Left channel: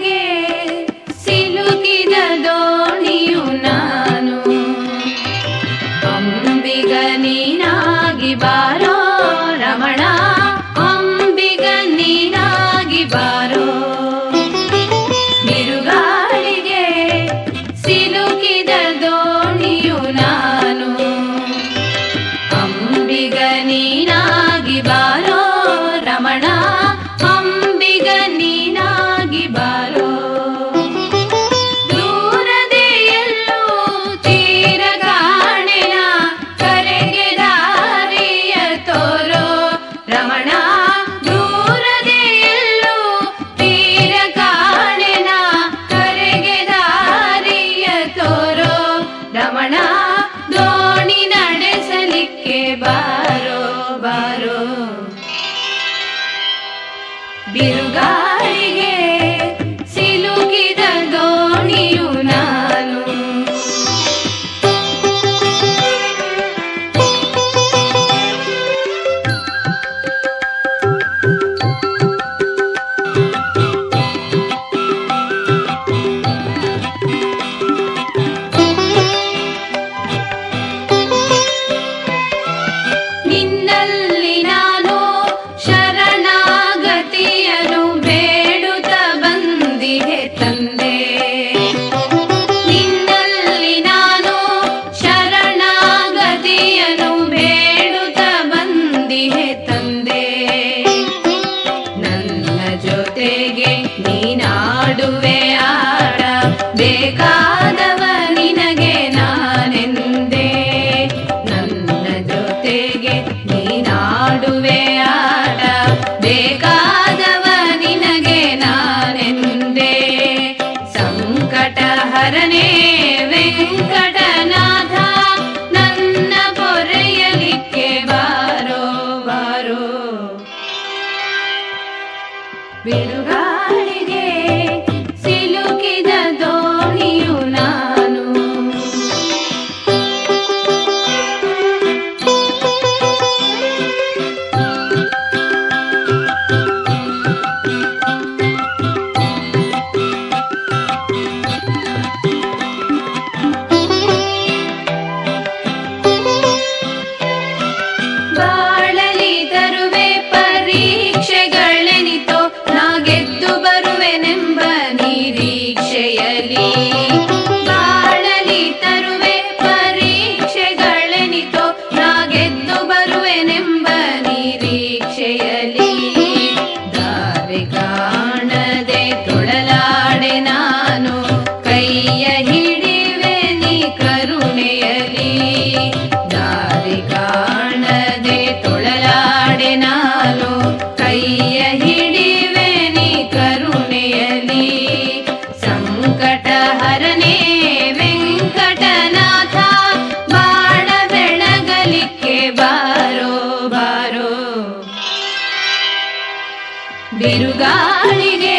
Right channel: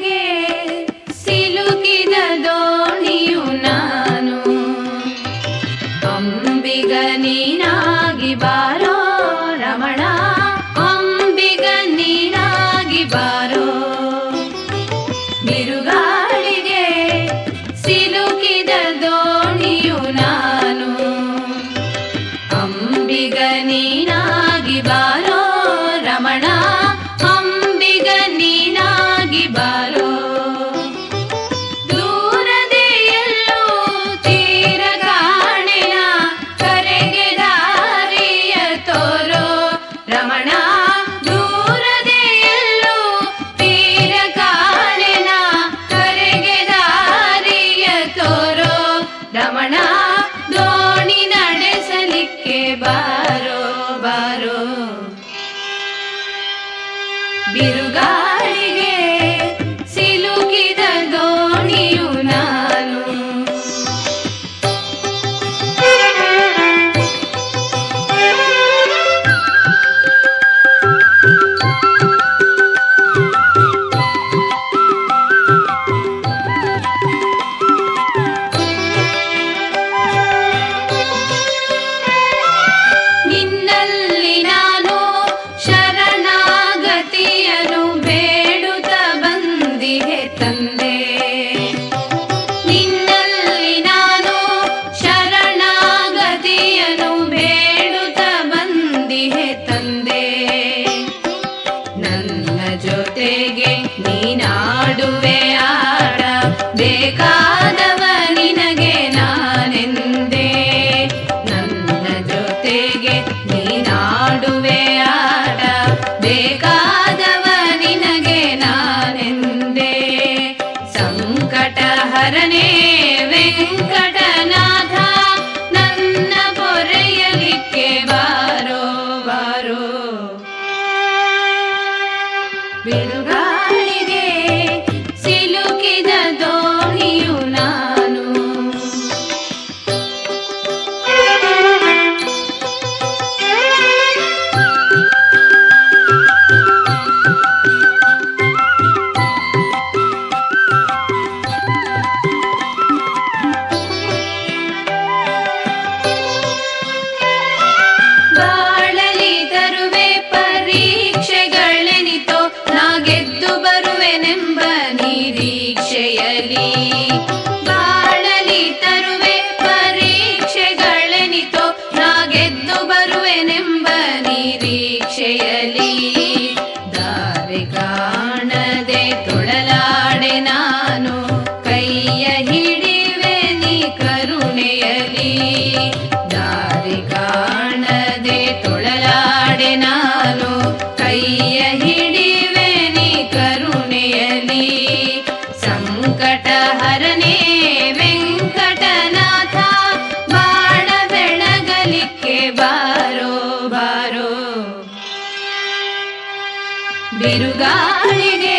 ಬಿರುಗಾಳಿಗೆ ಸಿಲುಕಿದ ದೋಣಿಯು ನಾನು. ಅಂಬಿಗ ನೀನಾಗಿ ಬಾರೋ ರಮಣ, ಅಂಬಿಗ ನೀನಾಗಿ ಬಾರೋ. ಬಿರುಗಾಳಿಗೆ ಸಿಲುಕಿದ ದೋಣಿಯು ನಾನು. ಅಂಬಿಗ ನೀನಾಗಿ ಬಾರೋ ರಮಣ, ಅಂಬಿಗ ನೀನಾಗಿ ಬಾರೋ. ದೂರದೆ ಎಲ್ಲೂ ತೀರ ಕಾಣೆಯ ಕರೆಗೆ ದಾರಿಯ ತೋರೋ ರಮಣ. ದೂರದೆ ಎಲ್ಲೂ ತೀರ ಕಾಣೆಯ ಕರೆಗೆ ದಾರಿಯ ತೋರೋ ರಮಣ. ದೋಣಿ ನಡೆಸಲಿಕ್ಕೆ ಬಾರೋ ಬಾರೋ. ಬಿರುಗಾಳಿಗೆ ಸಿಲುಕಿದ ದೋಣಿಯು ನಾನು. ನಿನ್ನಲ್ಲಿ ನಾನು ಶರಣಾಗತಿಯನು ಬೇಡುತ್ತ ಬಂದಿಹೆ ತಂದೆ. ನಿನ್ನಲ್ಲಿ ನಾನು ಶರಣಾಗತಿಯನು ಬೇಡುತ್ತ ಬಂದಿಹೆ ತಂದೆ. ನನ್ನ ಜೊತೆಗೆ ನೀನಾಡುವೆ ಆಡ, ಬೇಕಾದವ ನಿನಗೆ ನಾನೆಂದೆ. ನನ್ನ ಜೊತೆಗೆ ನೀನಾಡುವೆ ಆಡ, ಬೇಕಾದವ ನಿನಗೆ ನಾನೆಂದೆ. ಸಂಕಟ ಹರನೇ ವೆಂಕಟನಾಥ, ನನ್ನ ಪೊರೆಯಲಿಕ್ಕೆ ಬಾರೋ ಬಾರೋ. ಬಿರುಗಾಳಿಗೆ ಸಿಲುಕಿದ ದೋಣಿಯು ನಾನು. ಬಾಳಲಿ ತರುವೆ ಪರೀಕ್ಷೆಗಳೆನಿತೋ, ನಾ ಗೆದ್ದು ಬರುವೆನೆಂಬ ನಿರೀಕ್ಷೆಯಲಿ. ಬಾಳಲಿ ತರುವೆ ಪರೀಕ್ಷೆಗಳೆನಿತೋ, ನಾ ಗೆದ್ದು ಬರುವೆನೆಂಬ ನಿರೀಕ್ಷೆಯಲಿ. ದಾರಿ ಕಾಣದೆ ತೊಳಲಾಡೆ ನಾನು, ಕೈಯ ಹಿಡಿವೆ ನೀ ಕರುಣೆಯಲಿ. ದಾರಿ ಕಾಣದೆ ತೊಳಲಾಡೆ ನಾನು, ಕೈಯ ಹಿಡಿವೆ ನೀ ಕರುಣೆಯಲಿ. ಸಂಕಟ ಹರನೇ ವೆಂಕಟನಾಥ, ಬಾಳ ಬೆಳಗಲಿಕ್ಕೆ ಬಾರೋ ಬಾರೋ. ಬಿರುಗಾಳಿಗೆ